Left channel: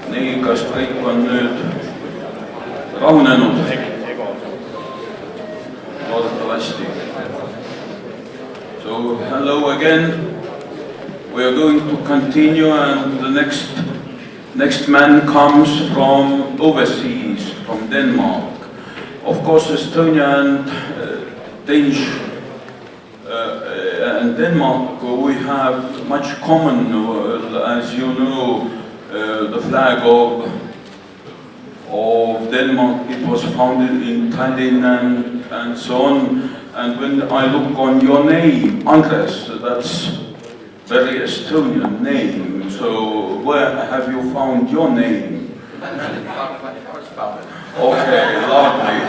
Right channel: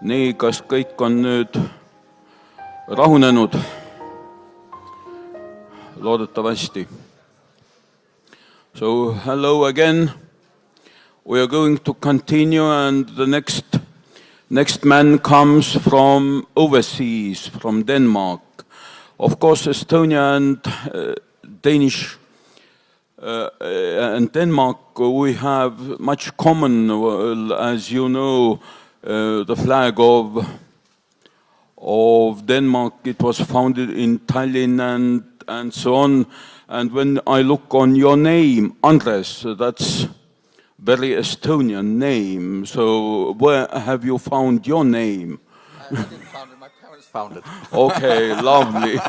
Nii, kas kõik on nüüd rahunenud? Loodetavasti. So, hello again. We are going to continue, and the next man comes from overseas, from Denmark. Of course, Estonia and Danish and Denmark, we have much common, as you know. The flag of Denmark, it was founded in Tallinn and so on. And when I look on your name, Andres, that's very Estonian name. So where have you found your name? Okay, lovely.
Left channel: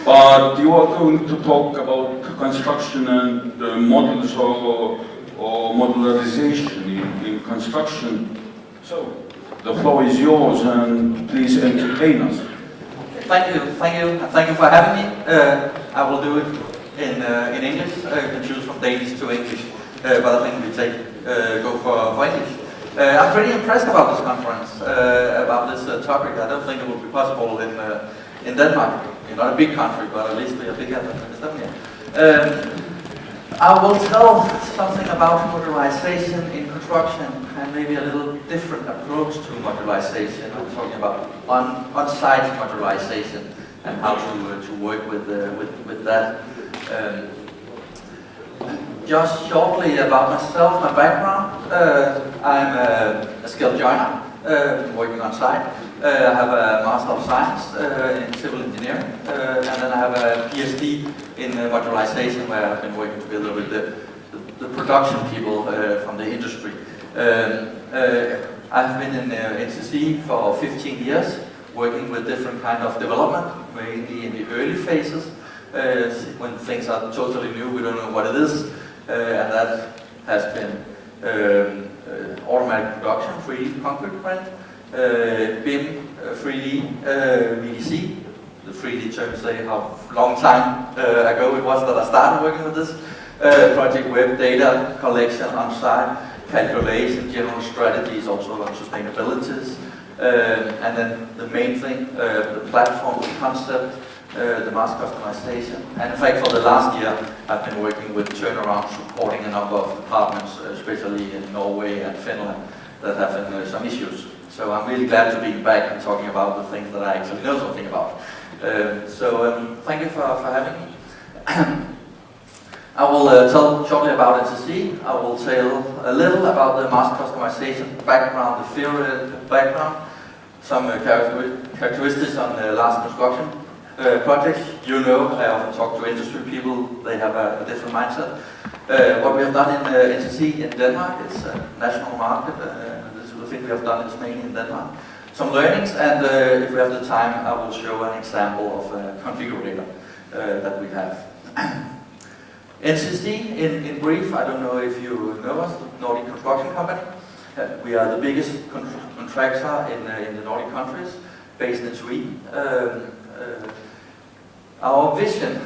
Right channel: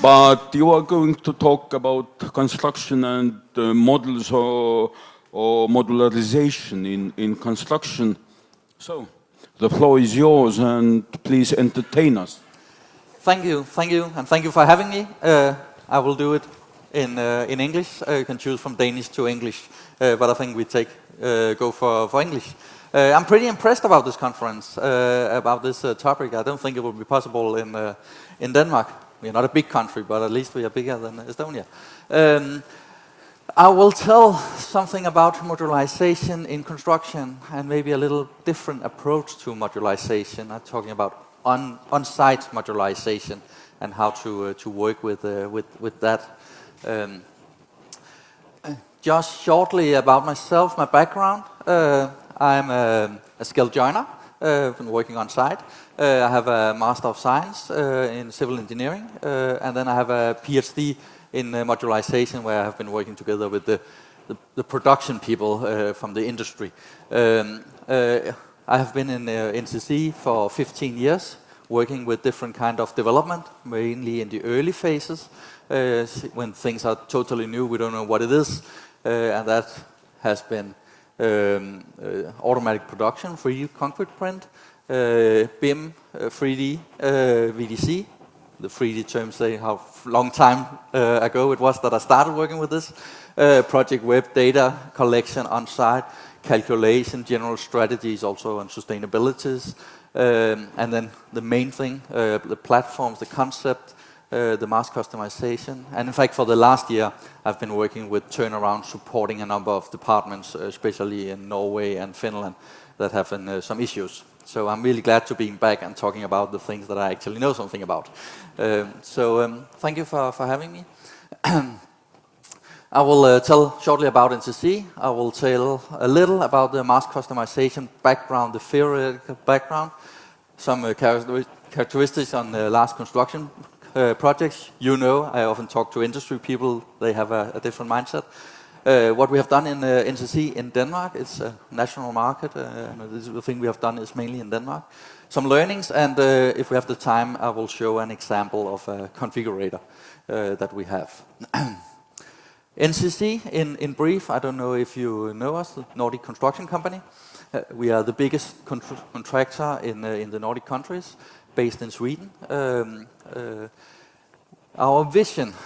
But you are going to talk about construction and models or modularization in construction. So, the floor is yours, and please entertain us. Thank you, and thank you for having me. I will do it in English. You can choose from Danish to English, but I think we go for English. I'm pretty impressed about this conference, about this topic. I don't think it will be possible in Denmark. We're not a big country, but at least we are bigger than Estonia. I will tell something about modularization in construction and maybe a little different approach to modularization. I'm talking about on-site modularization and how to work with that. Just shortly about myself, my background. I'm a skilled joiner, working on site. I have a Master of Science in Civil Engineering, and then I have a PhD in modularization, where I've been working together with the production people from the industry. I've been in NCC for 15 years, working with different kind of development, mainly in the early phases, when things are totally new, we don't know what it is, and that has been automatic production, 3D concrete print, BIM, 3D, VDC. The 3D terms say how long time ago it was that I started working with this. Project web data collection on site, calculation, general strategies, also on sustainabilities. And then the main thing, the platform, the concept, the mass customization. And in fact, for the last year, I've been working with turnaround, supporting a number of departments, especially in Norway and Finland, that have some issues. So I'm really glad to be back and talking about the things that I actually know something about. Thank you for having me. I will tell shortly about NCC. I will tell a little about the mass customization background, the theory background, some characteristics on the large construction projects. You know, I often talk to industry people, they have a different mindset. What we have done in NCC in Denmark, it's a national market, this is the thing we have done, it's mainly in Denmark. Some learnings, and if we have the time, I will show an example of a configurator that we have. NCC, in brief, I don't know if you know us, the Nordic Construction Company. We are the biggest contractor in the Nordic countries, based in Sweden. Our vision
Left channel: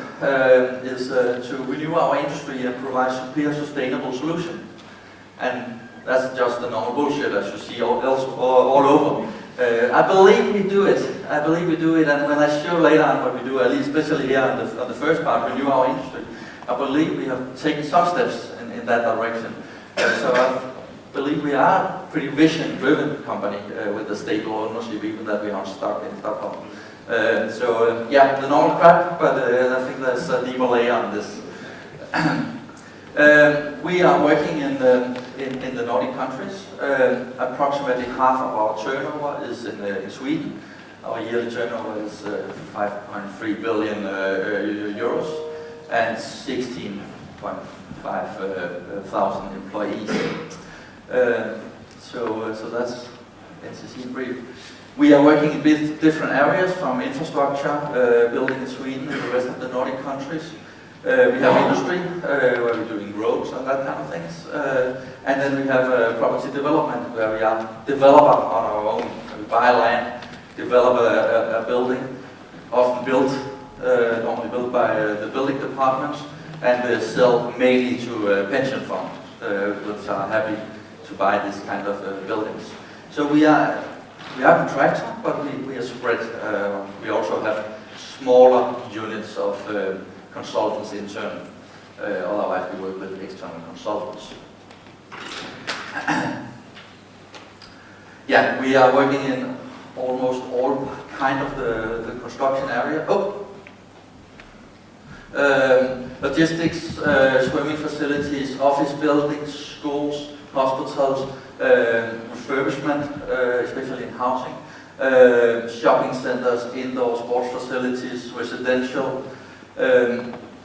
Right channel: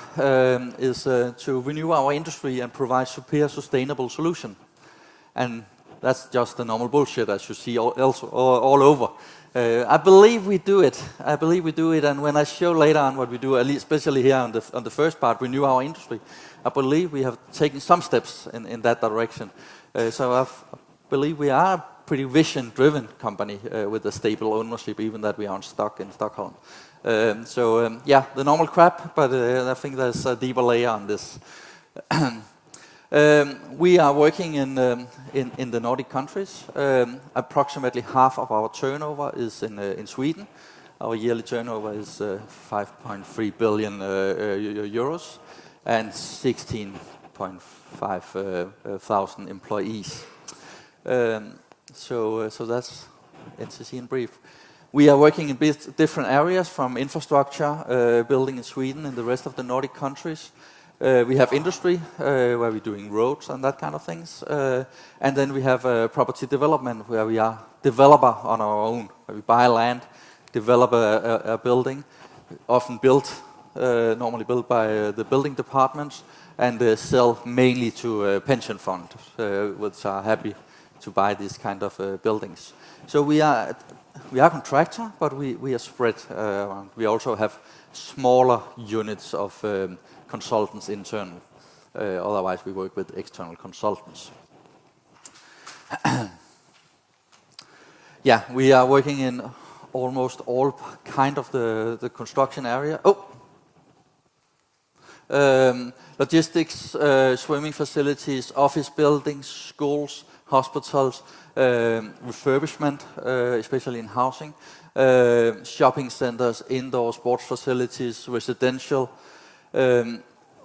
is to renew our industry and provide superior sustainable solutions. And that's just the normal bullshit as you see all over. I believe we do it. And when I show later on what we do, at least especially here on the first part, renew our industry, I believe we have taken some steps in that direction. So I believe we are a pretty vision-driven company with a stable ownership, even that we are stock in Stockholm. Yeah, the normal crap, but I think there's a deeper layer on this. We are working in the Nordic countries. Approximately half of our turnover is in Sweden. Our yearly turnover is 5.3 billion euros and 16.5 thousand employees. So that's NCC brief. We are working in different areas, from infrastructure, building in Sweden and the rest of the Nordic countries. We have industry, where we're doing roads and that kind of things. And then we have property development, where we are developer on our own. We buy land, develop a building, often built, normally built by the building departments, and sell mainly to pension funds, which are happy to buy these kind of buildings. So we are we have a tractor, but we are spread. We also have smaller units of consultants internally. Otherwise, we work with external consultants. Yeah, we are working in almost all kind of the construction area. Logistics, swimming facilities, office buildings, schools, hospitals, refurbishment, especially in housing, shopping centers, indoor sports facilities, residential,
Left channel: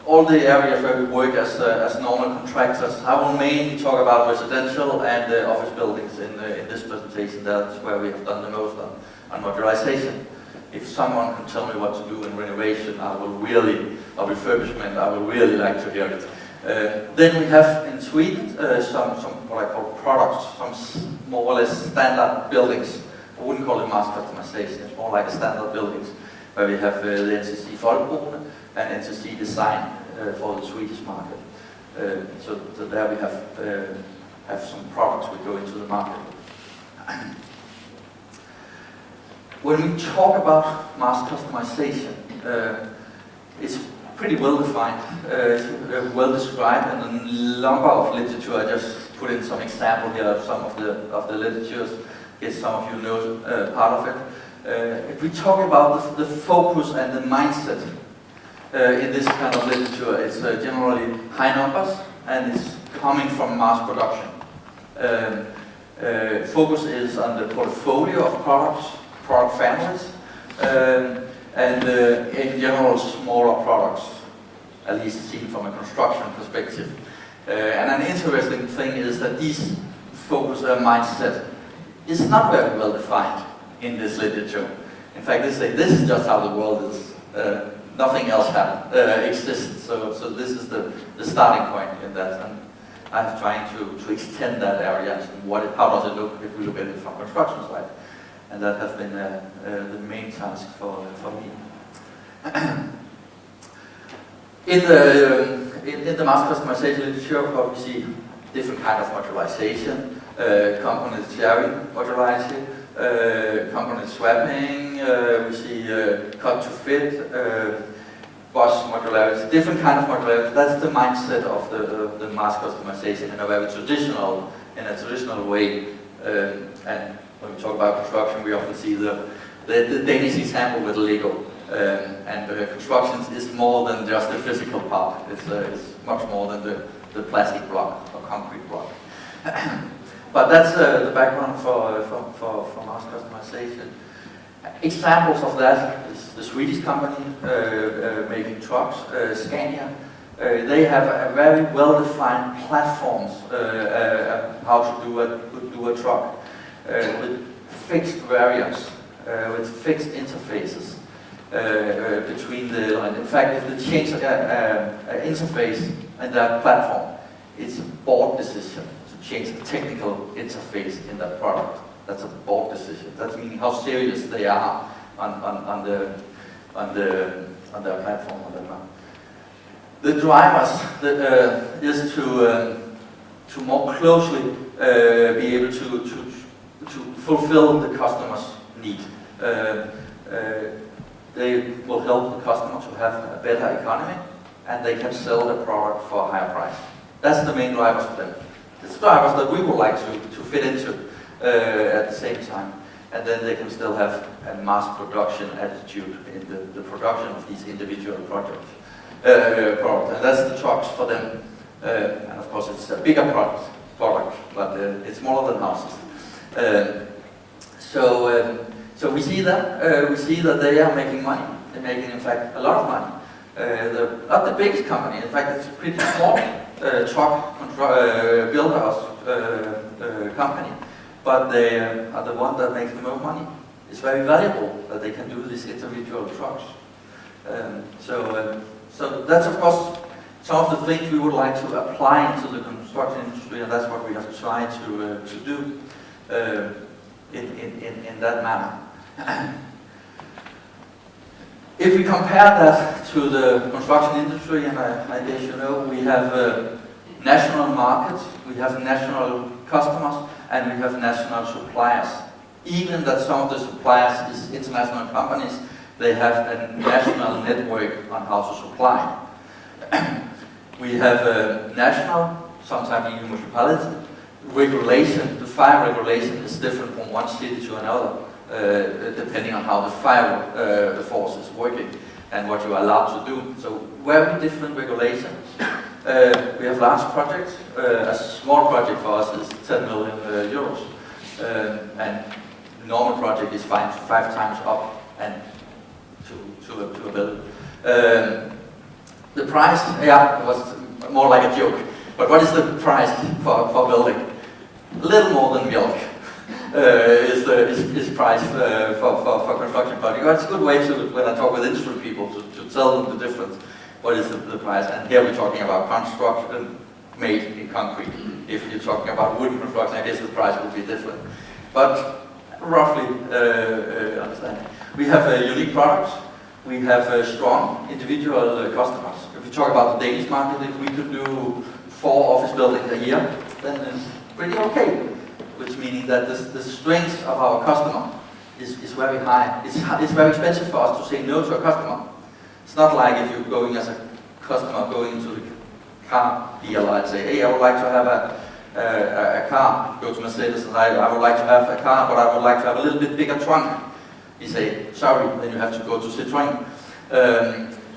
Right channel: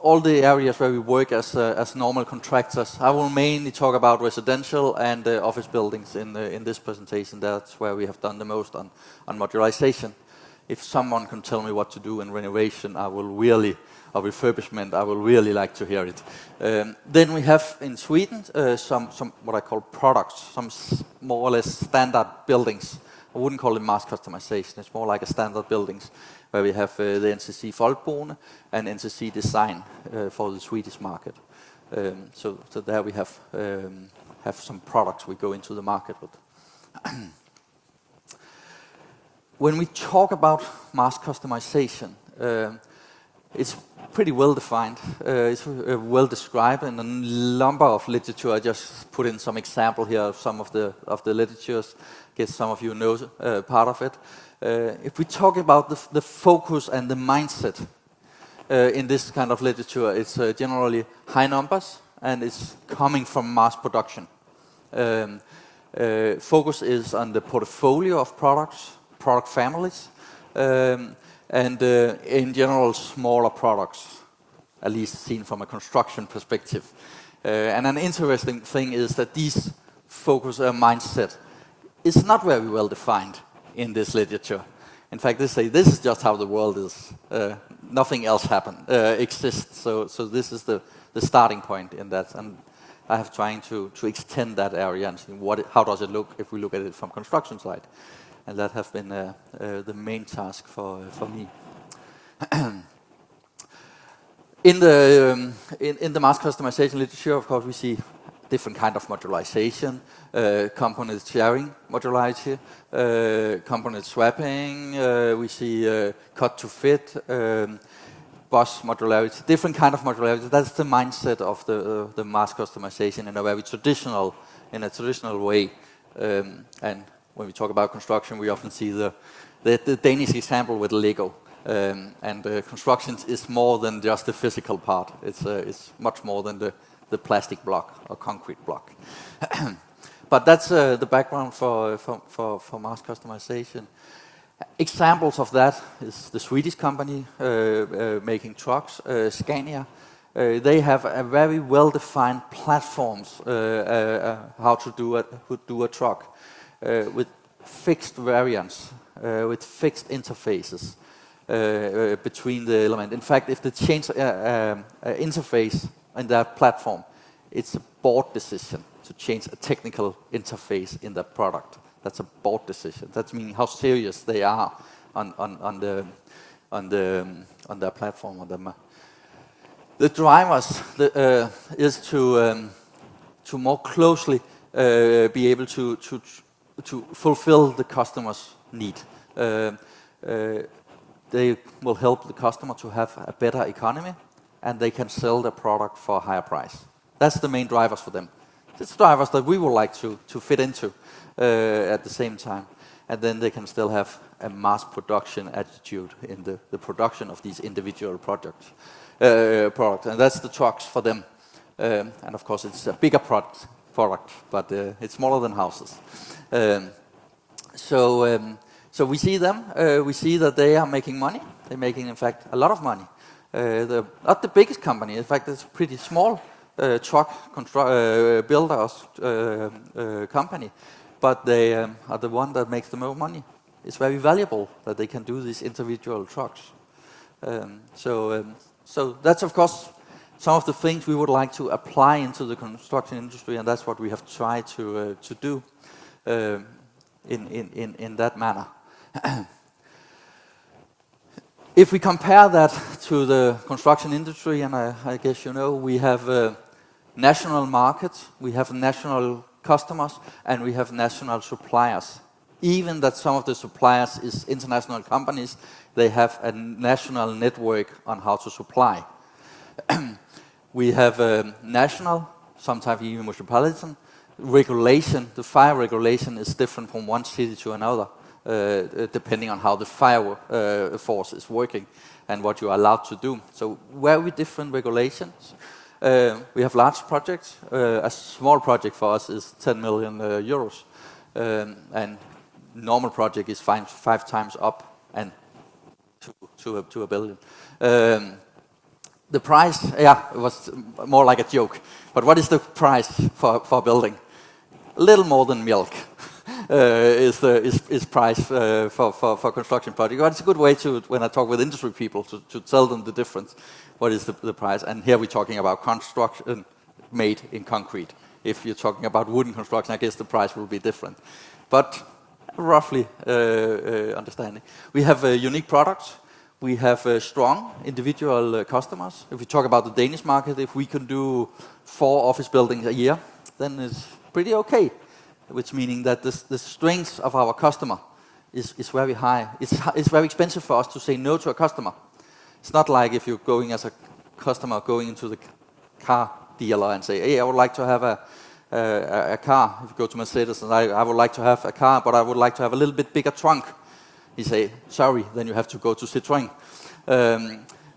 all the areas where we work as normal contractors. I will mainly talk about residential and office buildings in this presentation. That's where we have done the most on modularization. If someone can tell me what to do in renovation, or refurbishment, I would really like to hear it. Then we have in Sweden some what I call products, some more or less standard buildings. I wouldn't call it mass customization, it's more like standard buildings, where we have the NCC Folkboende and NCC Design for the Swedish market. So there we have some products we go into the market with. When we talk about mass customization, it's pretty well defined, it's well described, and a number of literature. I just put in some example here of some of the literatures. Guess some of you know part of it. If we talk about the focus and the mindset in this kind of literature, it's generally high numbers and it's coming from mass production. Focus is on the portfolio of products, product families, and in general smaller products, at least seen from a construction perspective. And an interesting thing is that this focus mindset is not very well defined in this literature. In fact, they say this is just how the world is. Nothing else exists. So this is the starting point in that. And I'm trying to extend that area. How does it look if we look at it from construction side? And that has been the main task for me. In the mass customization literature, of course, we see different kinds of modularization, component sharing modularity, component swapping, we see cut to fit, bus modularity, different kinds of modularity. That's the mindset of the mass customization in a very traditional way. And when we talk about construction, we often see the Danish example with Lego. And construction is more than just the physical part. It's much more than the plastic block or concrete block. But that's the background for mass customization. Examples of that is the Swedish company making trucks, Scania. They have a very well-defined platforms how to do a truck with fixed variants, with fixed interfaces between the line. In fact, if they change interface in that platform, it's a board decision to change the technical interface in that product. That's a board decision. That means how serious they are on their platform, on their map. The drivers is to more closely be able to fulfill the customer's need. They will help the customer to have a better economy, and they can sell the product for a higher price. That's the main drivers for them. It's drivers that we would like to fit into at the same time, and then they can still have a mass production attitude in the production of these individual products. And that's the trucks for them. Of course, it's a bigger product, but it's smaller than houses. So we see that they are making money. They're making, in fact, a lot of money. Not the biggest company. In fact, it's a pretty small truck builders company, but they are the one that makes the most money. It's very valuable that they can do these individual trucks. So that's, of course, some of the things we would like to apply into the construction industry, and that's what we have tried to do in that manner. If we compare that to the construction industry, and I guess you know, we have national markets, we have national customers, and we have national suppliers. even that some of the suppliers is international companies, they have a national network on how to supply. We have a national, sometimes even metropolitan, regulation. The fire regulation is different from one city to another, depending on how the fire force is working and what you're allowed to do. So very different regulations. We have large projects. A small project for us is 10 million euros. And normal project is five times up and to a building. The price, yeah, was more like a joke. But what is the price for building? A little more than milk is price for construction project. It's a good way to, when I talk with industry people, to tell them the difference. What is the price? And here we're talking about construction made in concrete. If you're talking about wooden construction, I guess the price will be different. But roughly understanding. We have unique products. We have strong individual customers. If you talk about the Danish market, if we could do 4 office buildings a year, then it's pretty okay. Which means that the strength of our customer is very high. It's very expensive for us to say no to a customer. It's not like if you're going as a customer going to the car dealer and say, hey, I would like to have a car. Go to Mercedes and I would like to have a car, but I would like to have a little bit bigger trunk. He say, sorry, then you have to go to Citroën.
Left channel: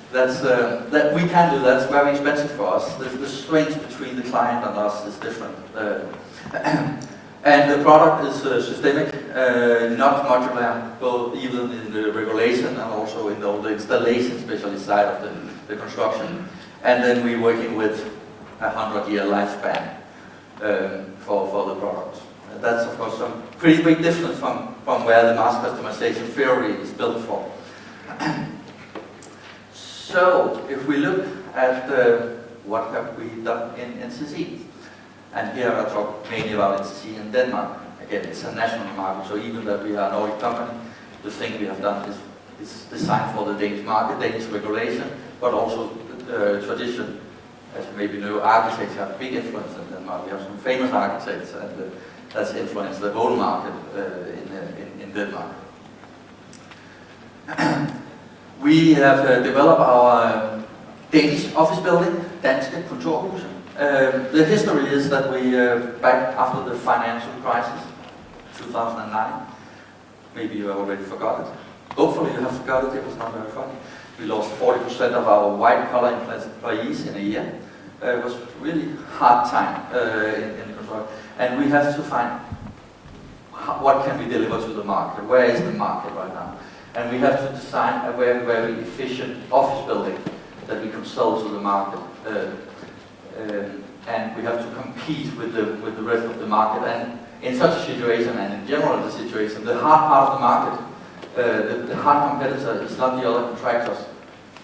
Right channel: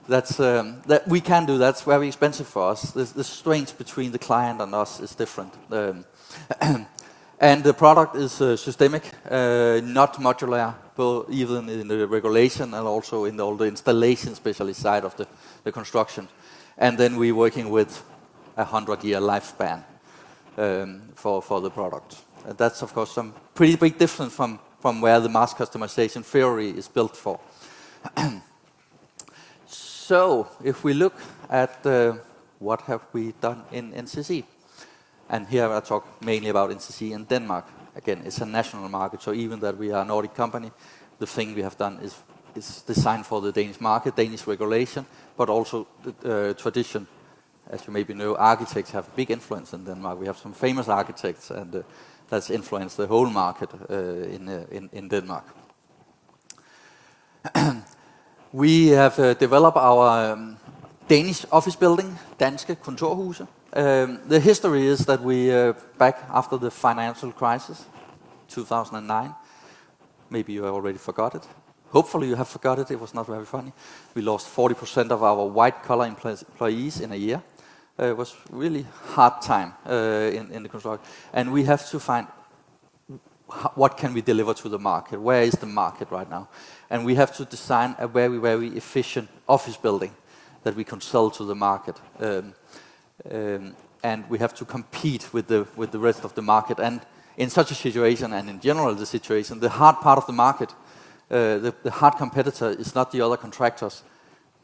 That we can do that. It's very expensive for us. The strength between the client and us is different. And the product is systemic, not modular, both even in the regulation and also in the installation, especially side of the construction. And then we're working with a 100-year lifespan for the product. That's of course some pretty big difference from where the mass customization theory is built for. So if we look at what have we done in NCC, and here I talk mainly about NCC in Denmark. Again, it's a national market, so even though we are a Nordic company, the thing we have done is designed for the Danish market, Danish regulation, but also tradition. As you maybe know, architects have big influence in Denmark. We have some famous architects, and that's influenced the whole market in Denmark. We have developed our Danish office building, Danske Kontorhuse. The history is that we, back after the financial crisis, 2009, maybe you already forgot it. Hopefully you have forgot it, it was not very funny. We lost 40% of our white-collar employees in a year. It was really hard time in construction. And we have to find what can we deliver to the market, where is the market right now. And we have to design a very, very efficient office building that we can sell to the market. And we have to compete with the rest of the market. And in such a situation, and in general the situation, the hard part of the market, the hard competitor is not the other contractors,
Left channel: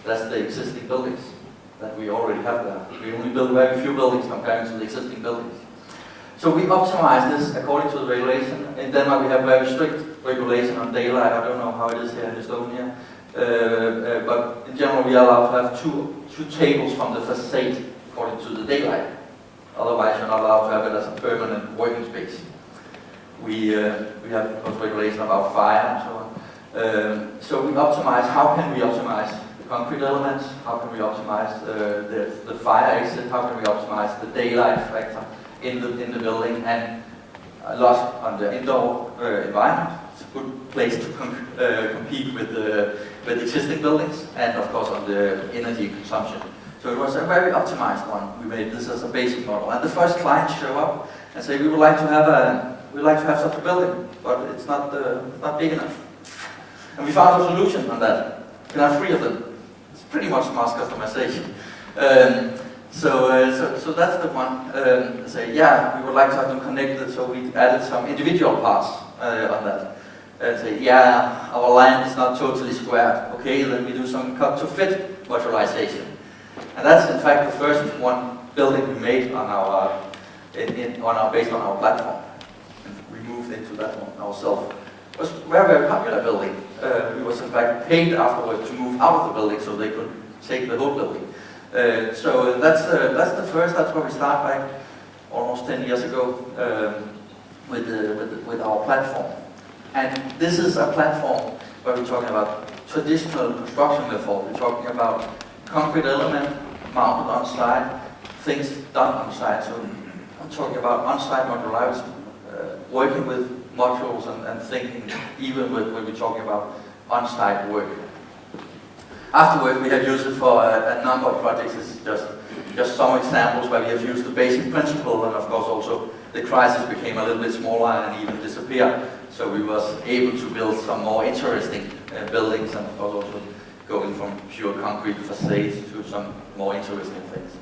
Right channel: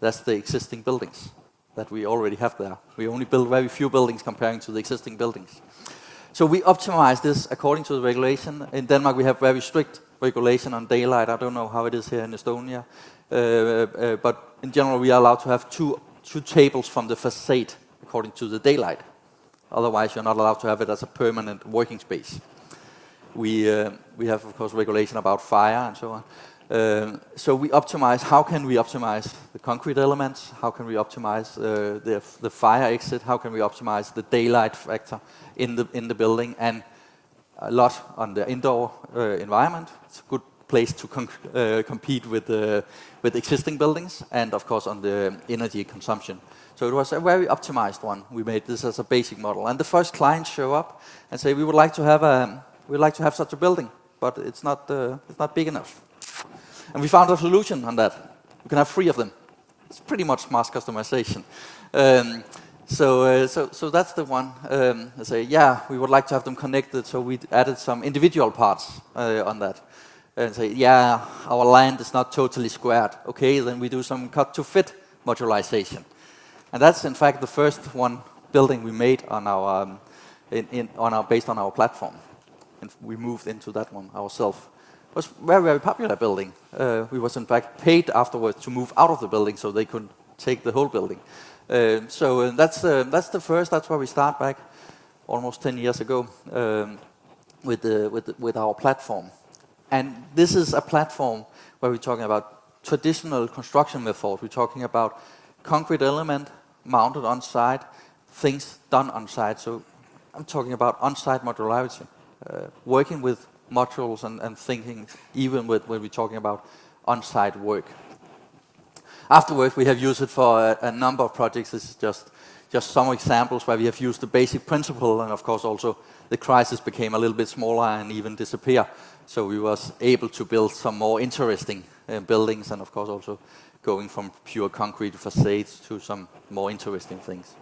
that's the existing buildings that we already have there. We only build very few buildings compared to the existing buildings. So we optimize this according to the regulation. In Denmark we have very strict regulation on daylight. I don't know how it is here in Estonia. But in general we are allowed to have two tables from the facade according to the daylight. Otherwise you're not allowed to have it as a permanent working space. We have of course regulation about fire and so on. So we optimize, how can we optimize the concrete elements? How can we optimize the fire exit? How can we optimize the daylight factor in the building? And a lot on the indoor environment. It's a good place to compete with existing buildings, and of course on the energy consumption. So it was a very optimized one. We made this as a basic model. And the first clients show up and say, we would like to have such a building, but it's not big enough. And we found a solution on that. You can have 3 of them. It's pretty much mass customization. So that's the one. Say, yeah, we would like to have them connected, so we added some individual parts on that. Say, yeah, our land is not totally square. Okay, then we do some cut-to-fit modularization. And that's in fact the first building we made on our based on our platform. We moved into that one ourselves. It was a very, very popular building. We was in fact paid afterwards to move out of the building so they could take the whole building. So that's the first. That's where we started back almost 10 years ago with our platform. And this is a platform where we're talking about traditional construction method. We're talking about concrete element mounted on site, things done on site. So I'm talking about on-site modularity, working with modules and thinking even when we're talking about on-site work. Afterwards, we have used it for a number of projects. This is just some examples where we have used the basic principle, and of course also the crisis became a little bit smaller and even disappeared. So we was able to build some more interesting buildings, and of course also going from pure concrete facades to some more interesting things.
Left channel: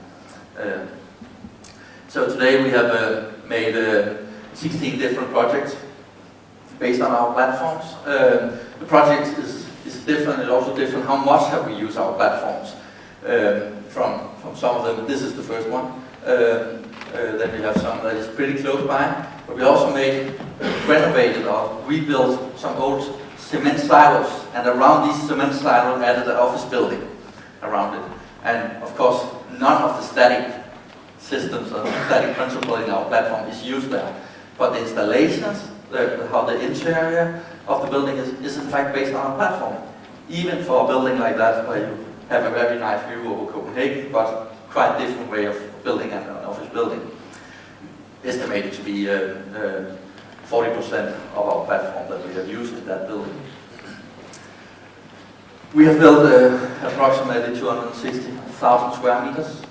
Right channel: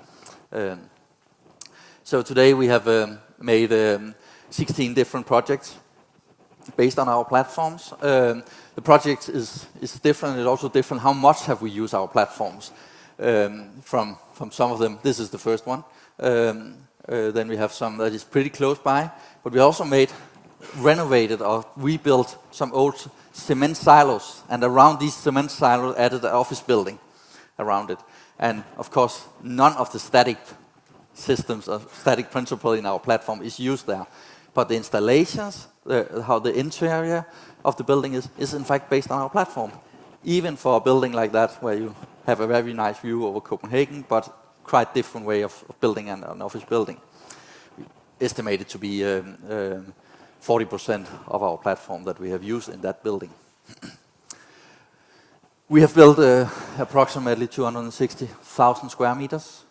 So today we have made 16 different projects based on our platforms. The project is different, and also different how much have we used our platforms. From some of them, this is the first one. Then we have some that is pretty close by, but we also renovated or rebuilt some old cement silos, and around these cement silos added an office building around it. And of course, none of the static systems or static principle in our platform is used there. But the installations, how the interior of the building is in fact based on our platform. Even for a building like that, where you have a very nice view over Copenhagen, but quite different way of building an office building. Estimated to be 40% of our platform that we have used in that building. We have built approximately 260,000 square meters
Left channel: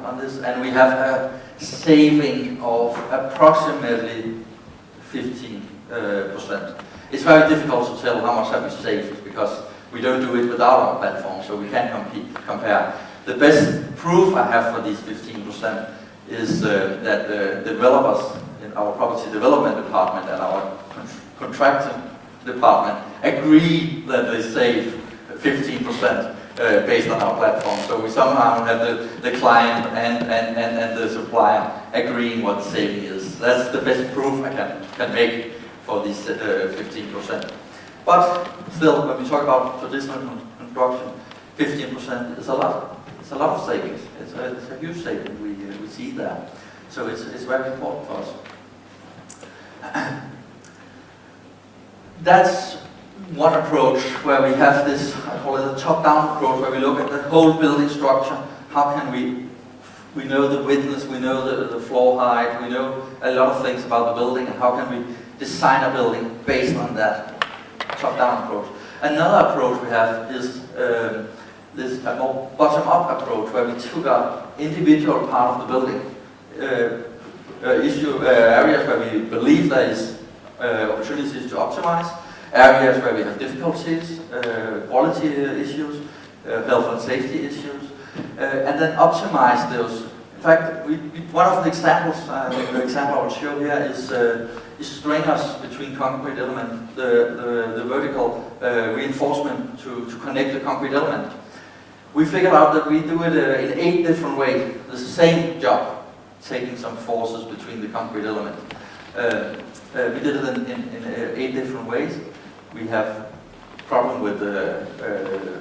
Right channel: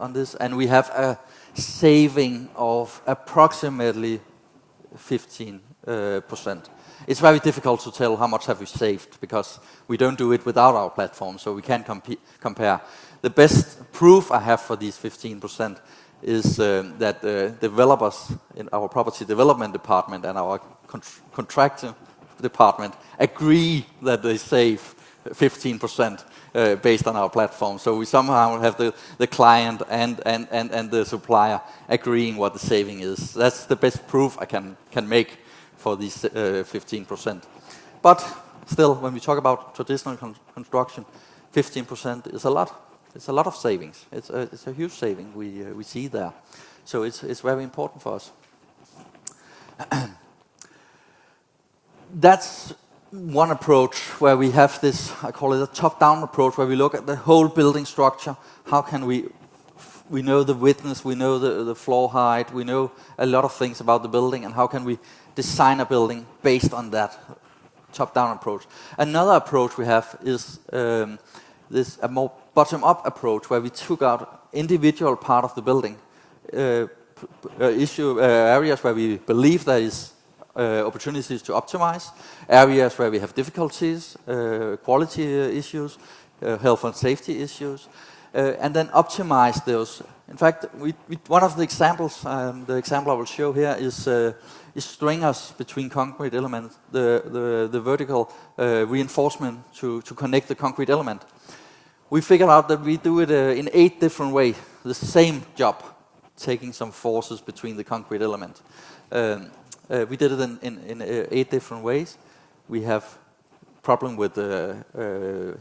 on this, and we have a saving of approximately 15%. It's very difficult to tell how much have we saved because we don't do it without our platform, so we can't compare. The best proof I have for these 15% is that developers in our property development department and our contracting department agree that they save 15% based on our platform. So we somehow have the client and the supplier agreeing what the saving is. That's the best proof I can make for these 15%. But still, when we talk about traditional construction, 15% is a lot. It's a lot of savings. It's a huge saving we see there. So it's very important for us. That's one approach where we have this, I call it a top-down approach, where we look at the whole building structure. How can we know the width, we know the floor height, we know a lot of things about the building, and how can we design a building based on that top-down approach. Another approach we have is a more bottom-up approach, where we took out individual part of the building, areas where we believe there is opportunities to optimize, areas where we have difficulties, quality issues, health and safety issues, and then optimize those. In fact, one of the examples, the example I will show here is stringers between concrete element, the vertical reinforcement to connect the concrete element. We figured out that we do it in 8 different ways, the same job, taking some forces between the concrete element. We did it in 8 different ways. We have problem with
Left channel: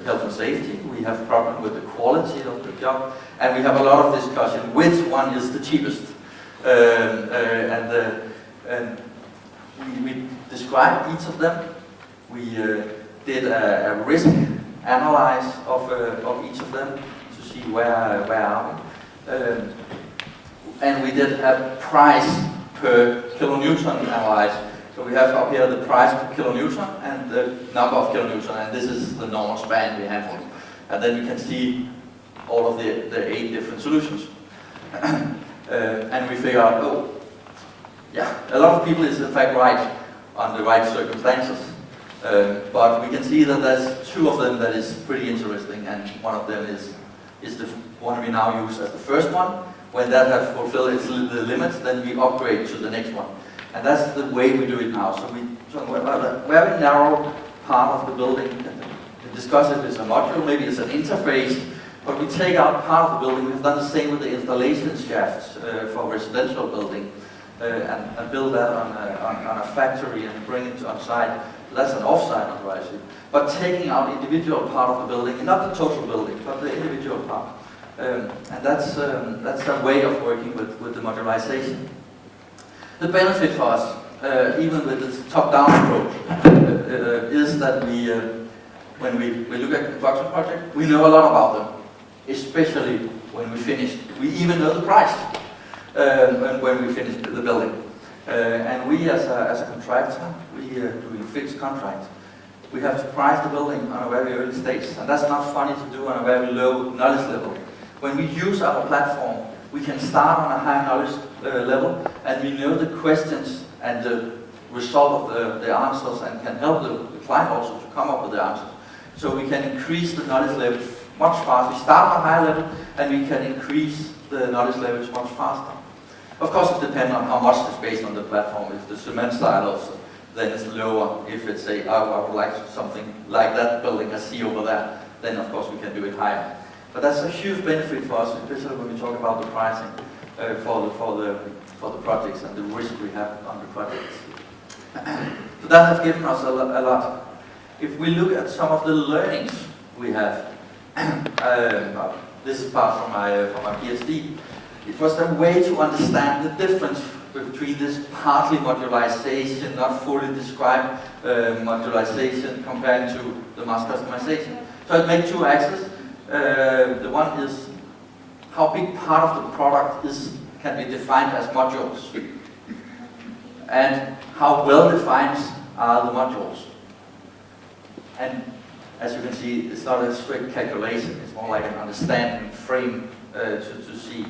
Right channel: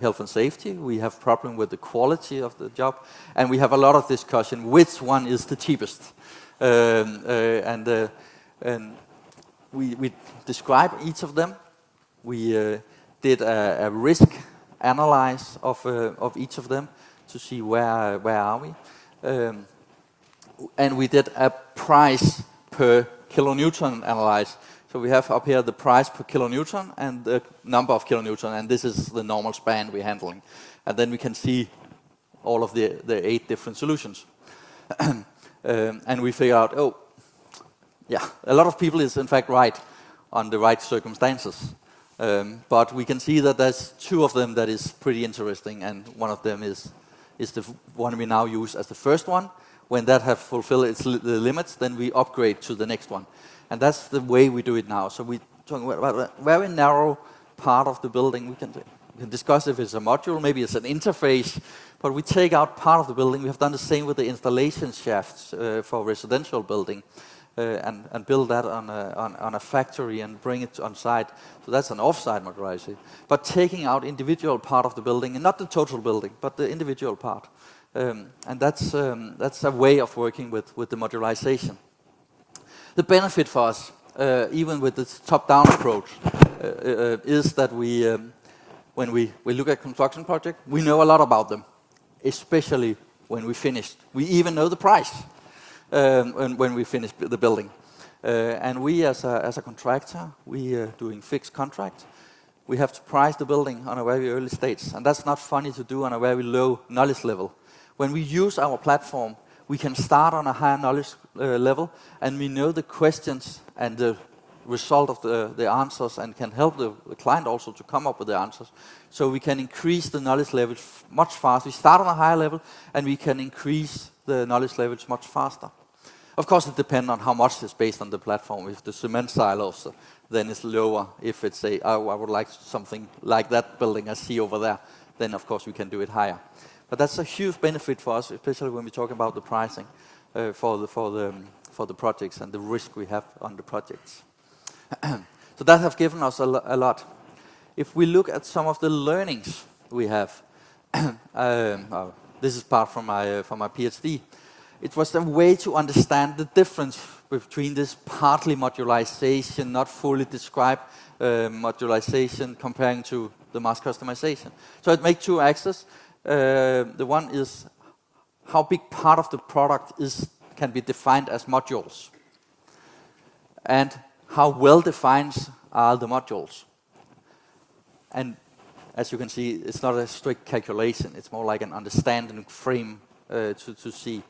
health and safety, we have problem with the quality of the job, and we have a lot of discussion which one is the cheapest. And we described each of them. We did a risk analysis of each of them to see where are we. And we did a price per kilonewton analysis. So we have up here the price per kilonewton and the number of kilonewton, and this is the normal span we handle. And then we can see all of the 8 different solutions. And we figure out, oh, yeah, a lot of people is in fact right on the right circumstances. But we can see that there's 2 of them that is pretty interesting, and one of them is the one we now use as the first one. When that has fulfilled the limits, then we upgrade to the next one. And that's the way we do it now. So we talk about a very narrow part of the building. We discuss if it's a module, maybe it's an interface, but we take out part of the building. We've done the same with the installation shafts for residential building, and build that on a factory and bring it on site. So that's an off-site modularization. But taking out individual part of the building, not the total building, but the individual part. And that's a way of working with the modularization. The benefit for us even with this top-down approach, is that when we look at construction projects, we know a lot about them, especially when we finish. We even know the price when we finish the building. And we, as a contractor, we are doing fixed contracts. We have to price the building on a very early stage, and that's not funny to do on a very low knowledge level. When we use our platform, we can start on a high knowledge level, and we know the questions and the result of the answers, and can help the client also to come up with the answers. So we can increase the knowledge levels much faster. We start on a high level, and we can increase the knowledge levels much faster. Of course, it depends on how much is based on the platform. If the cement silos, then it's lower. If it's I would like something like that building I see over there, then of course we can do it higher. But that's a huge benefit for us, especially when we talk about the pricing for the projects and the risk we have on the projects. So that has given us a lot. If we look at some of the learnings we have, this is part from my PhD. It was a way to understand the difference between this partly modularization, not fully described modularization, comparing to the mass customization. So it made two axes. The one is how big part of the product can be defined as modules, and how well defined are the modules. And as you can see, it's not a strict calculation, it's more like an understanding frame to see.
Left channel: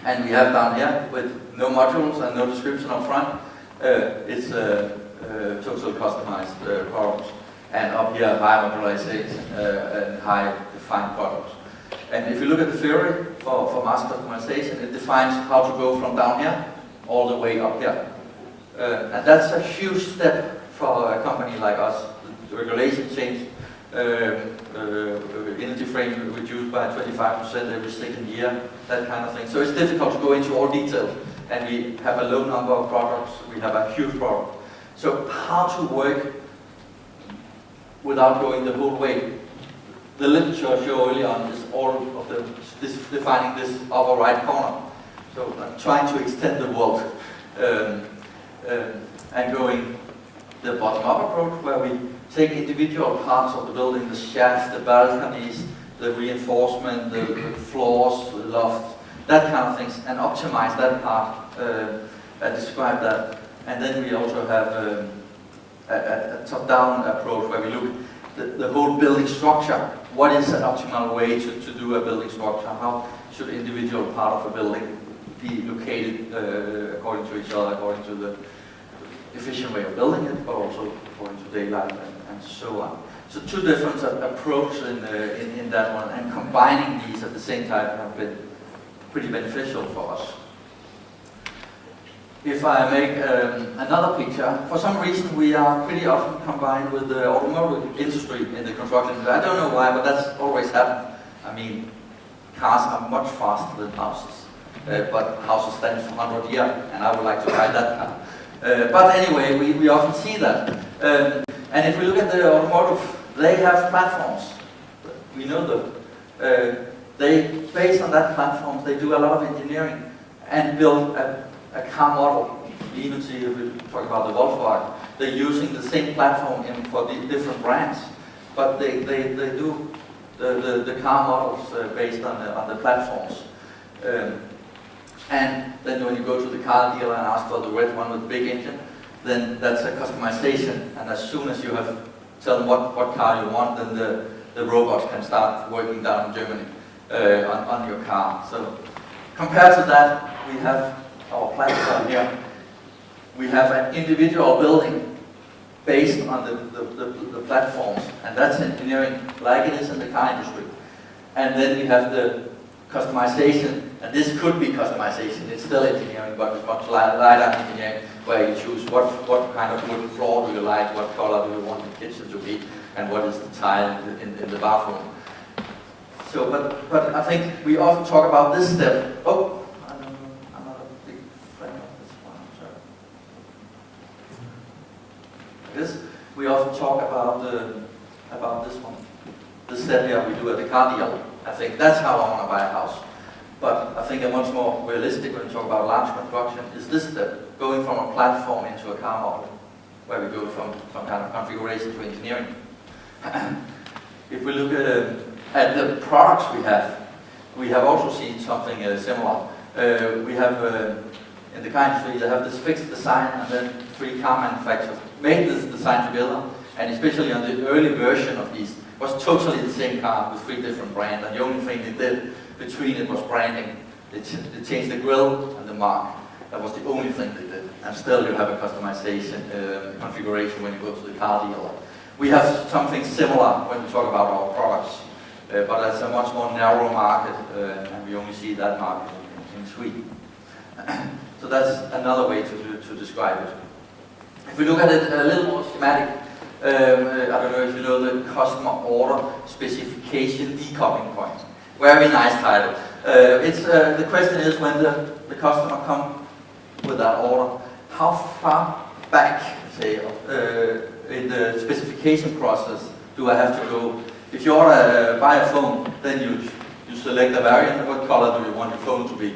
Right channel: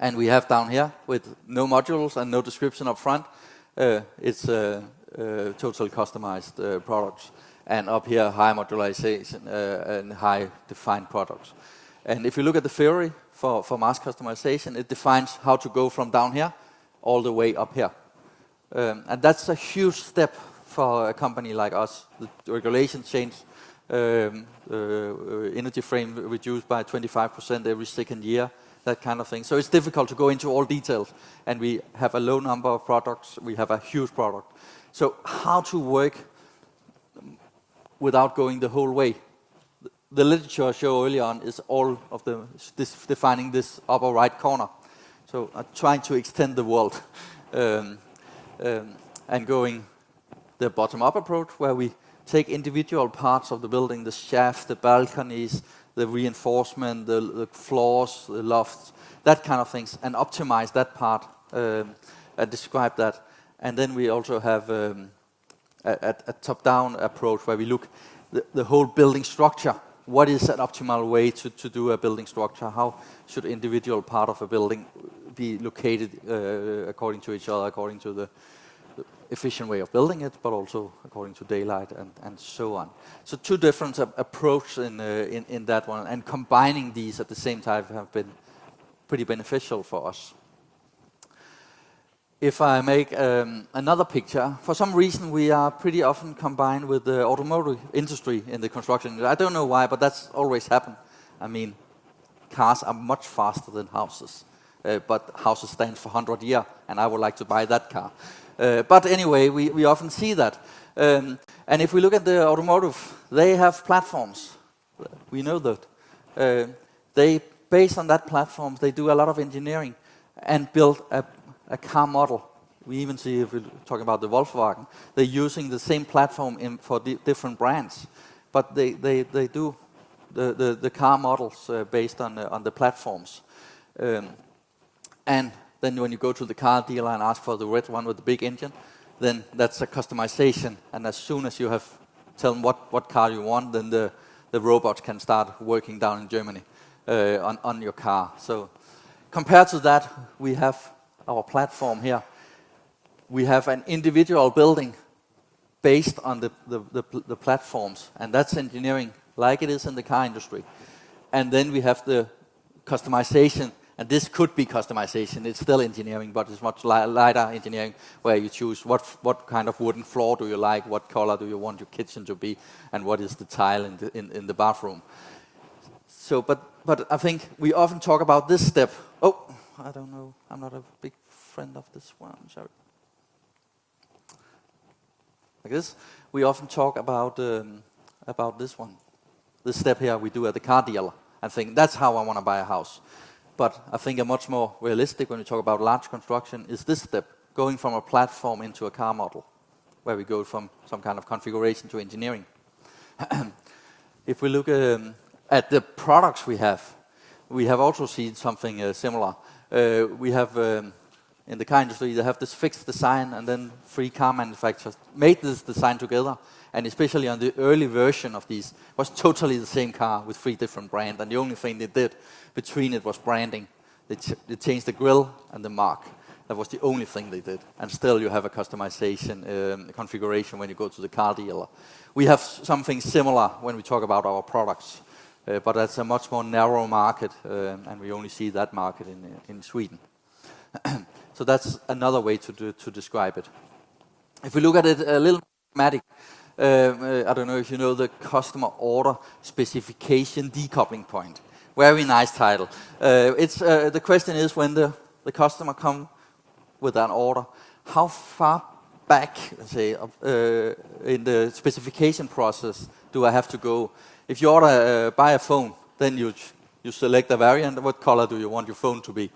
And we have down here, with no modules and no description up front, it's a totally customized product. And up here, high modularization and high defined products. And if you look at the theory for mass customization, it defines how to go from down here all the way up here. And that's a huge step for a company like us. The regulation changed, energy frame reduced by 25% every second year, that kind of thing. So it's difficult to go into all details. And we have a low number of products, we have a huge product. So how to work without going the whole way. The literature I showed earlier on is all of defining this upper right corner. So I'm trying to extend the world and going the bottom-up approach, where we take individual parts of the building, the shaft, the balconies, the reinforcement, the floors, the loft, that kind of things, and optimize that part and describe that. And then we also have a top-down approach where we look at the whole building structure. What is an optimal way to do a building structure? How should individual part of a building be located according to each other, according to the efficient way of building it, but also according to daylight and so on. So two different approaches in that one, and combining these at the same time have been pretty beneficial for us. If I make another picture, for some reason we are pretty often combined with the automotive industry in the construction industry. I don't know why, but that's always happened. I mean, cars are much faster than houses, but houses stand for 100 years, and I would like to buy that car. But anyway, we often see that. And if we look at the automotive, they have platforms. We know that. Based on that platform, they do a lot of engineering and build a car model. We even see, if we talk about the Volkswagen, they're using the same platform for the different brands, but they do the car models based on the platforms. And then when you go to the car dealer and ask for the red one with the big engine, then that's a customization. And as soon as you have tell them what car you want, then the robots can start working down in Germany on your car. So compared to that, we have our platform here. We have an individual building based on the platforms, and that's engineering like it is in the car industry. And then we have the customization, and this could be customization, it's still engineering, but it's much lighter engineering, where you choose what kind of wooden floor do you like, what color do you want the kitchen to be, and what is the tile in the bathroom. So, but I think we often talk about this step. Oh, I'm not a big fan of this one, sorry. This, we often talk about this one. The step here we do at the car deal. I think that's how I want to buy a house. But I think a much more realistic when we talk about large construction is this step. going from a platform into a car model, where we go from some kind of configuration to engineering. If we look at the products we have also seen something similar. We have, in the car industry, you have this fixed design, and then 3 car manufacturers made this design together, and especially on the early version of these, was totally the same car with 3 different brands, and the only thing they did between it was branding. They changed the grille and the mark. That was the only thing they did. And still you have a customization configuration when you go to the car dealer. We have something similar when we talk about our products, but that's a much more narrow market, and we only see that market in Sweden. So that's another way to describe it. If we look at it a little more schematic, I don't know if you know the customer order specification decoupling point. Very nice title. The question is, when the customer comes with that order, how far back, say, in the specification process do I have to go? If you order buy a phone, then you select a variant. What color do you want your phone to be?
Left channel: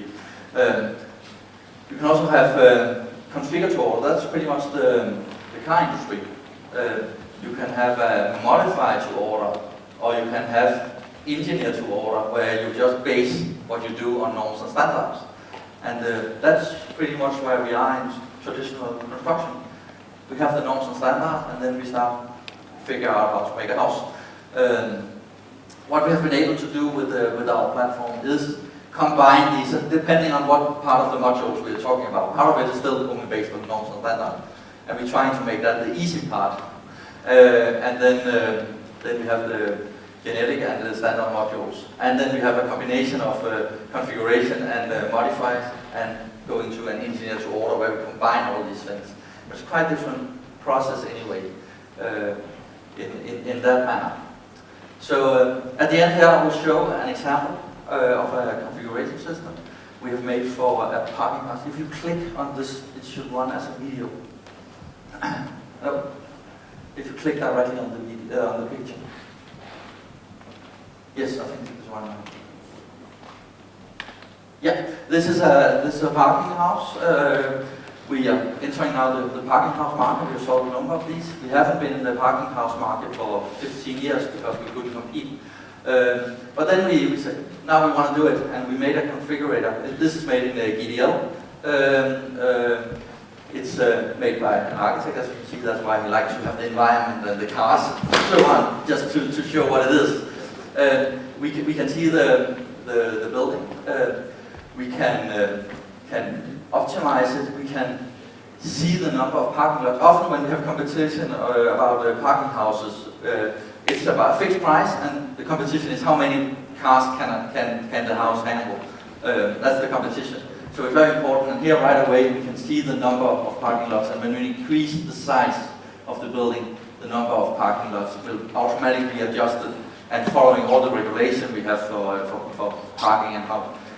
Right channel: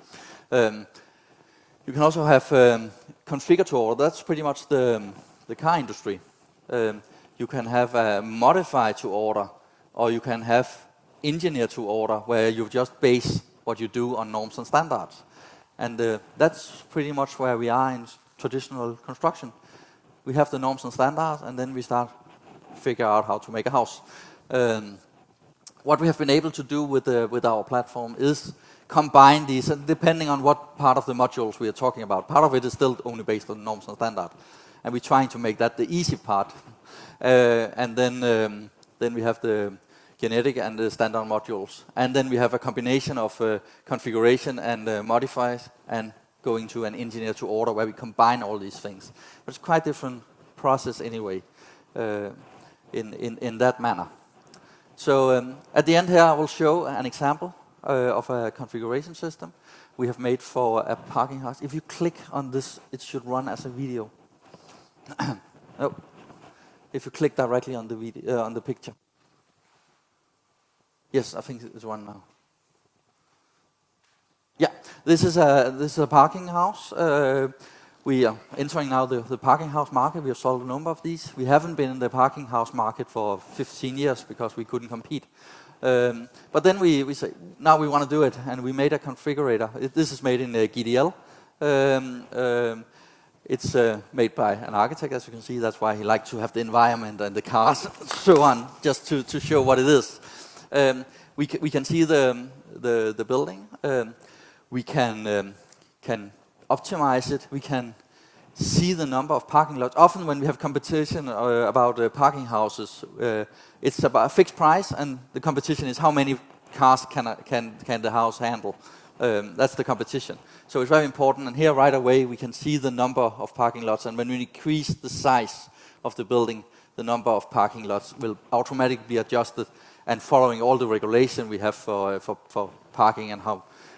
You can also have configure to order. That's pretty much the car industry. You can have a modify to order, or you can have engineer to order, where you just base what you do on norms and standards. And that's pretty much where we are in traditional construction. We have the norms and standards, and then we start figure out how to make a house. What we have been able to do with our platform is combine these, depending on what part of the modules we're talking about. Part of it is still only based on norms and standards, and we're trying to make that the easy part. And then we have the genetic and the standard modules. And then we have a combination of configuration and modifiers, and going to an engineer to order, where we combine all these things. It's quite a different process anyway, in that manner. So at the end here, I will show an example of a configuration system we have made for a parking lot. If you click on this, it should run as a video. Nope. If you click directly on the picture. Yes, I think it's one now. Yeah, this is a parking house. We are entering now the parking house market. We've sold a number of these. We haven't been in the parking house market for 15 years because we couldn't compete. But then we said, now we want to do it, and we made a configurator. This is made in GDL. It's made by an architect, as you can see. That's why we like to have the environment and the cars, so on, just to show what it is. We can see the building. We can optimize it. We can see the number of parking lots. Often when we have competition about parking houses, it's about a fixed price, and the competition is how many cars can the house handle. That's the competition. So it's very important, and here right away we can see the number of parking lots, and when we increase the size of the building, the number of parking lots will automatically be adjusted, and following all the regulation we have for parking, and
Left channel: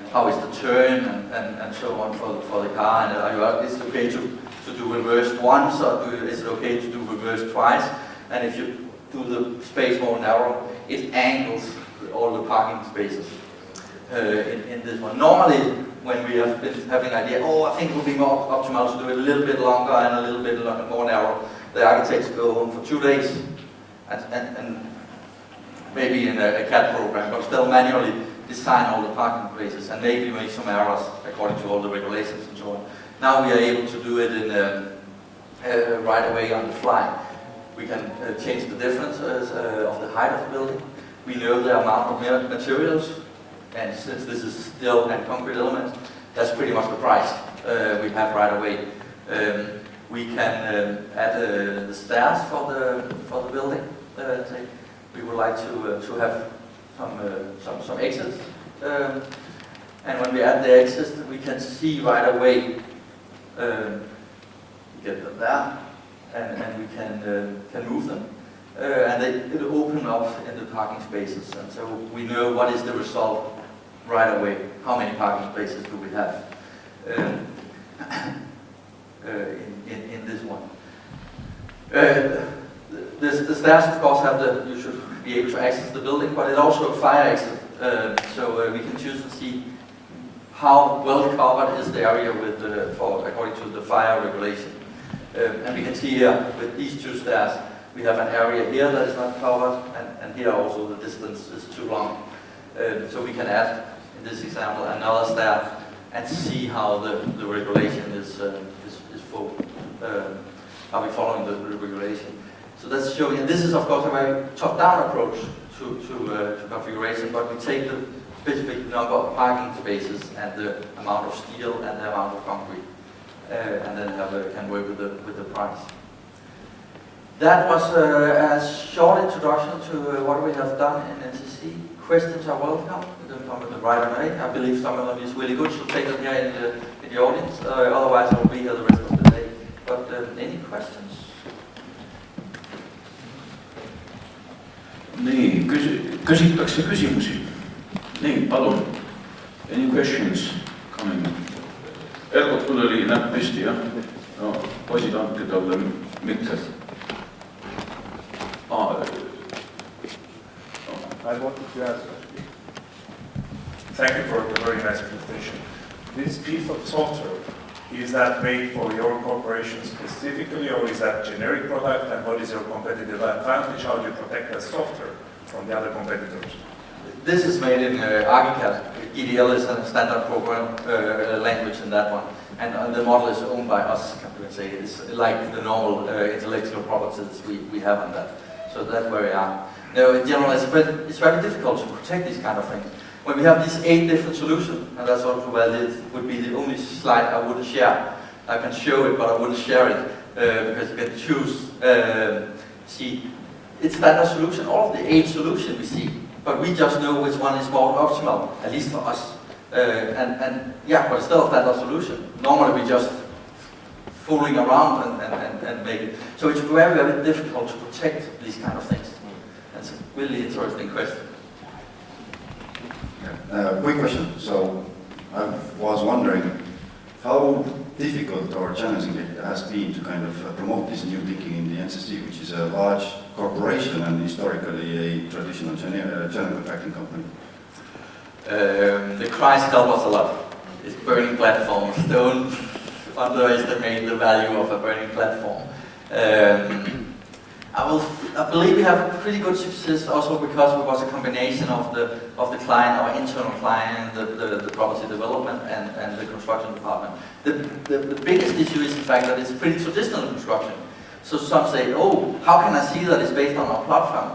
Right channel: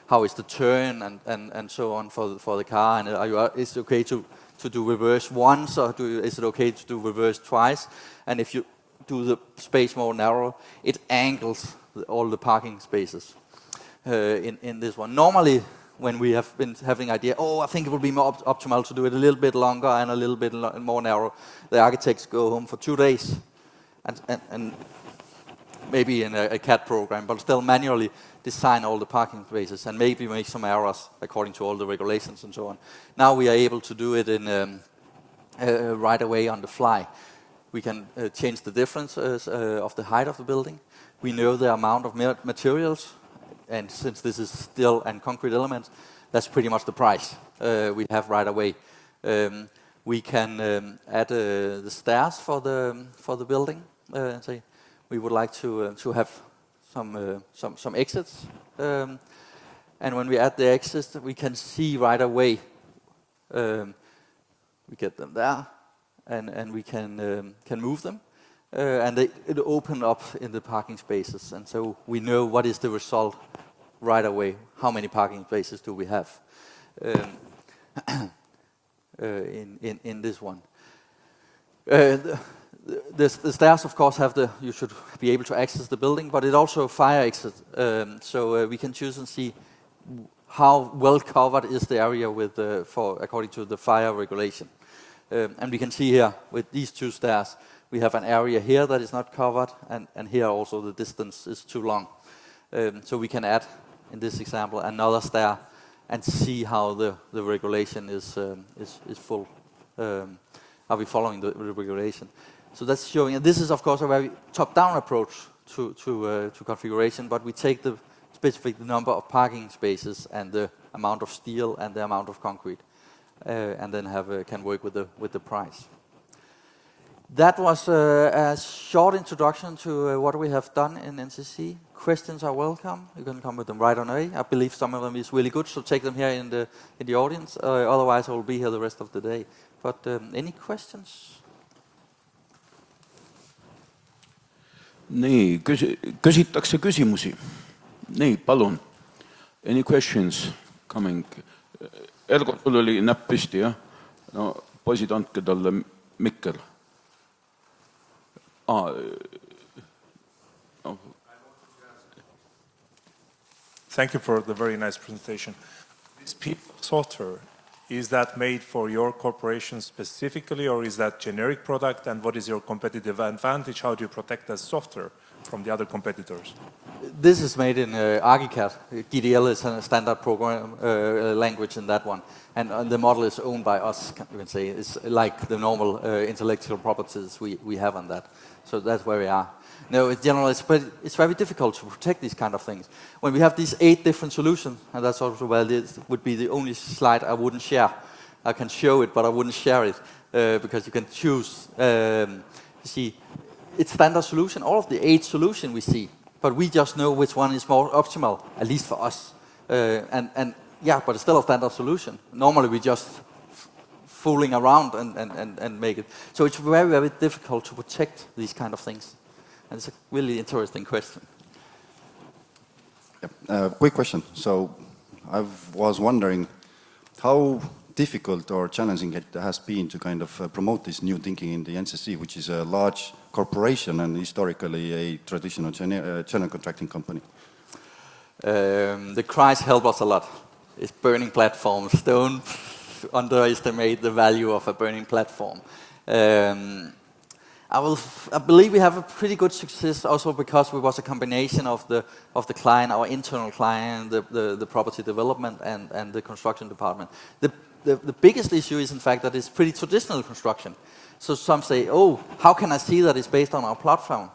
how is the turn and so on for the car, and is it okay to do reverse once, or is it okay to do reverse twice? And if you do the space more narrow, it angles all the parking spaces in this one. Normally, when we have been having an idea, I think it would be more optimal to do it a little bit longer and a little bit more narrow, the architects go home for 2 days and maybe in a CAD program, but still manually design all the parking spaces and maybe make some errors according to all the regulations and so on. Now we are able to do it in right away on the fly. We can change the differences of the height of the building. We know the amount of materials, and since this is steel and concrete elements, that's pretty much the price we have right away. We can add the stairs for the building. We would like to have some exits, and when we add the exits, we can see right away. We get them there, and we can move them, and it'll open up in the parking spaces, and so we know what is the result right away. How many parking spaces do we have in this one? The stairs, of course, you should be able to access the building, but it's also a fire exit, so we can choose and see how well covered is the area with according to the fire regulation. And we can see here with these two stairs, we have an area here that is not covered, and here also the distance is too long. So we can add, in this example, another stair and see how the regulation is full. Are we following the regulation? So that's showing. And this is of course a very top-down approach to configuration, but we take the specific number of parking spaces and the amount of steel and the amount of concrete, and then can work with the price. That was a short introduction to what we have done in NCC. Questions are welcome. You can come with them right away. I believe some of them is really good, so take them here in the audience. Otherwise, I will be here the rest of the day. But any questions? Nii, küsitakse küsimusi. Nii, palun. Any questions coming? Ergotul oli näpp püsti, jah? No, poisid andke talle mikker. I wanted to ask. Thank you for the very nice presentation. This piece of software, is that made for your corporation specifically, or is that generic product, and what is your competitive advantage? How do you protect the software from the other competitors? This is made in ArchiCAD. GDL is a standard program language in that one, and the model is owned by us. I would say it's like the normal intellectual properties we have on that. So that's where we are. No, in general, it's very difficult to protect these kind of things. When we have these 8 different solutions, and that's also where this would be the only slide I wouldn't share. I can show it, but I wouldn't share it because you can choose. See, it's standard solution. All of the 8 solutions we see, but we just know which one is more optimal, at least for us. And yeah, but still a standard solution. Normally we just fooling around and make it. So it's very, very difficult to protect these kind of things. It's a really interesting question. Quick question. So I was wondering how difficult or challenging it has been to kind of promote this new thinking in the NCC, which is a large corporation and historically a traditional general contracting company. The Christ help us a lot. It's burning platforms. Don't underestimate the value of a burning platform. I believe we have pretty good success also because it was a combination of the client, our internal client, the property development and the construction department. The biggest issue is in fact that it's pretty traditional construction. So some say, oh, how can I see that it's based on our platform?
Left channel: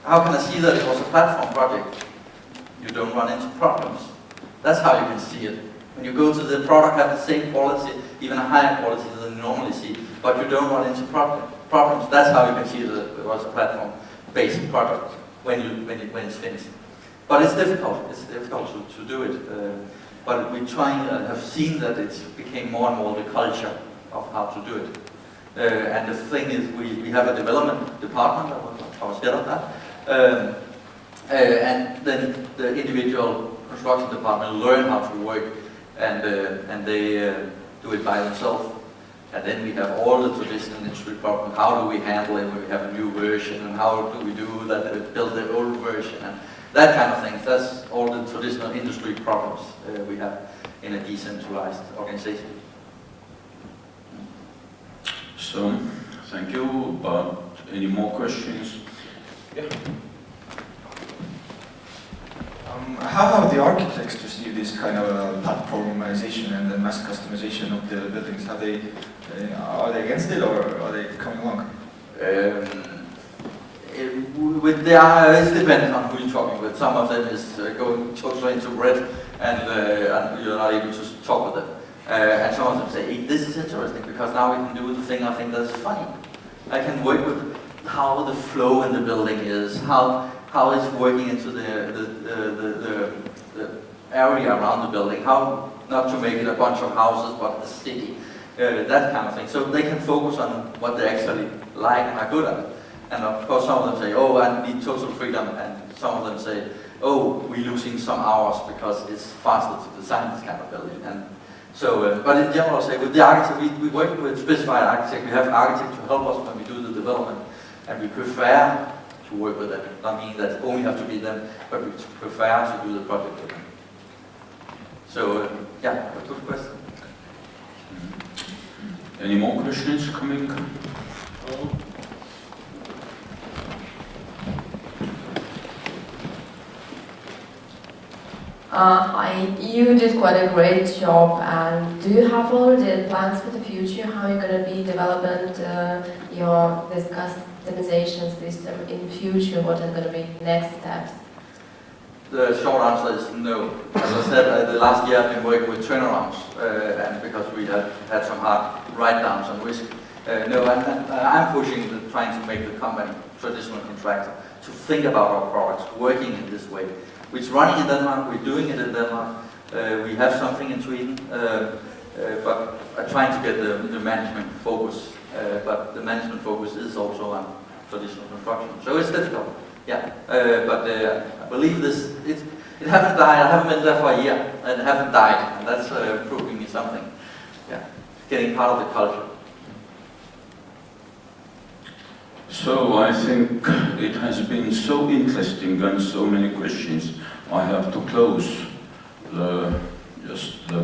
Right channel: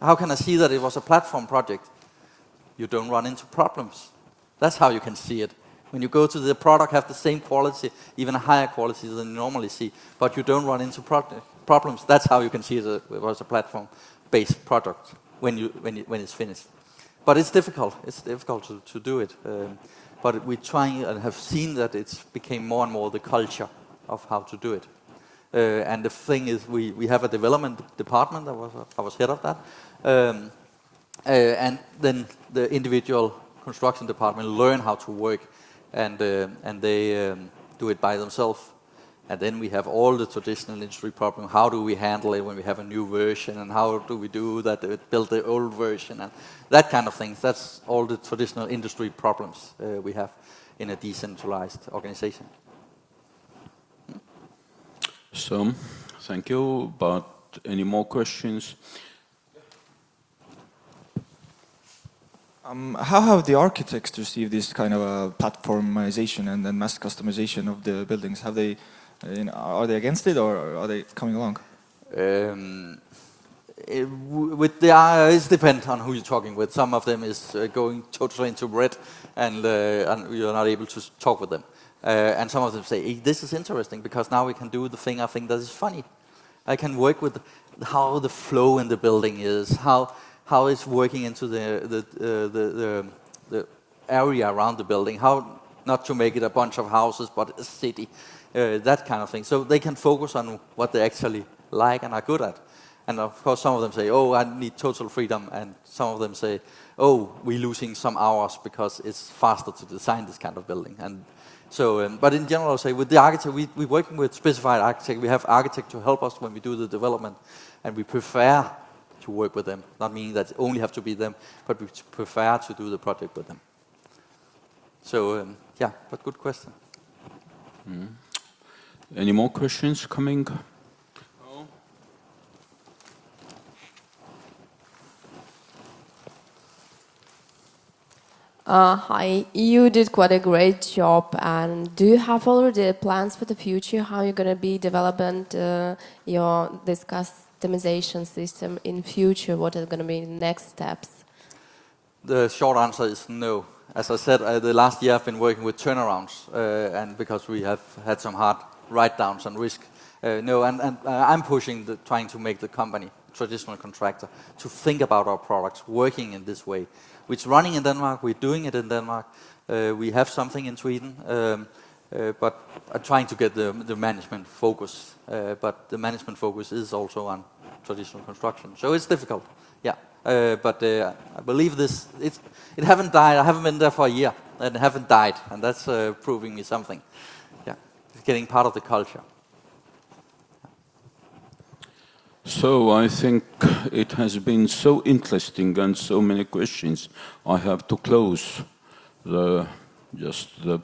How can I see that it was a platform project? You don't run into problems. That's how you can see it. When you go to the product, have the same quality, even a higher quality than you normally see, but you don't run into problems. That's how you can see that it was a platform-based product when it's finished. But it's difficult. It's difficult to do it. But we try and have seen that it's became more and more the culture of how to do it. And the thing is, we have a development department. I was head of that. And then the individual construction department learn how to work, and they do it by themselves. And then we have all the traditional industry problems. How do we handle it when we have a new version, and how do we do that? Build the old version, and that kind of things. That's all the traditional industry problems we have in a decentralized organization. So, thank you. But any more questions? Yeah. How have the architects received this kind of platformization and then mass customization of the buildings? Are they against it, or are they coming along? It depends on who you're talking with. Some of them is going totally into red, and you're not able to talk with them. And some of them say, hey, this is interesting because now we can do the thing I think that is funny. I can work with how the flow in the building is, how it's working into the area around the building, how not to make it a bunch of houses but a city, that kind of thing. So they can focus on what they actually like and are good at. And of course some of them say, oh, I need total freedom, and some of them say, oh, we're losing some hours because it's faster to design this kind of building. And so, but in general, say with the architect, we work with specified architect. We have architects to help us when we do the development, and we prefer to work with them. Not meaning that only have to be them, but we prefer to do the project with them. So yeah, good question. Any more questions coming? Hi, you did quite a great job, and do you have already plans for the future? How you're going to be developing this customization system in future? What are going to be next steps? The short answer is no. As I said, the last year I've been working with turnarounds, and because we have had some hard write-downs on risk. No, I'm pushing, trying to make the company traditional contractor to think about our products working in this way. It's running in Denmark, we're doing it in Denmark, we have something in Sweden, but I'm trying to get the management focus, but the management focus is also on traditional construction. So it's difficult, yeah, but I believe this, it hasn't died. I haven't been there for a year and haven't died, and that's proving me something. Yeah, it's getting part of the culture. So I think it has been so interesting and so many questions. I have to close the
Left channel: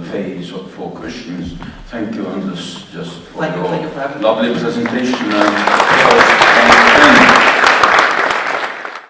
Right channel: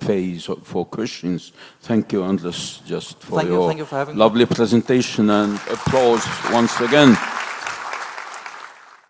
phase for questions. Thank you, Anders, just for Thank you your for having me. lovely presentation and applause once again.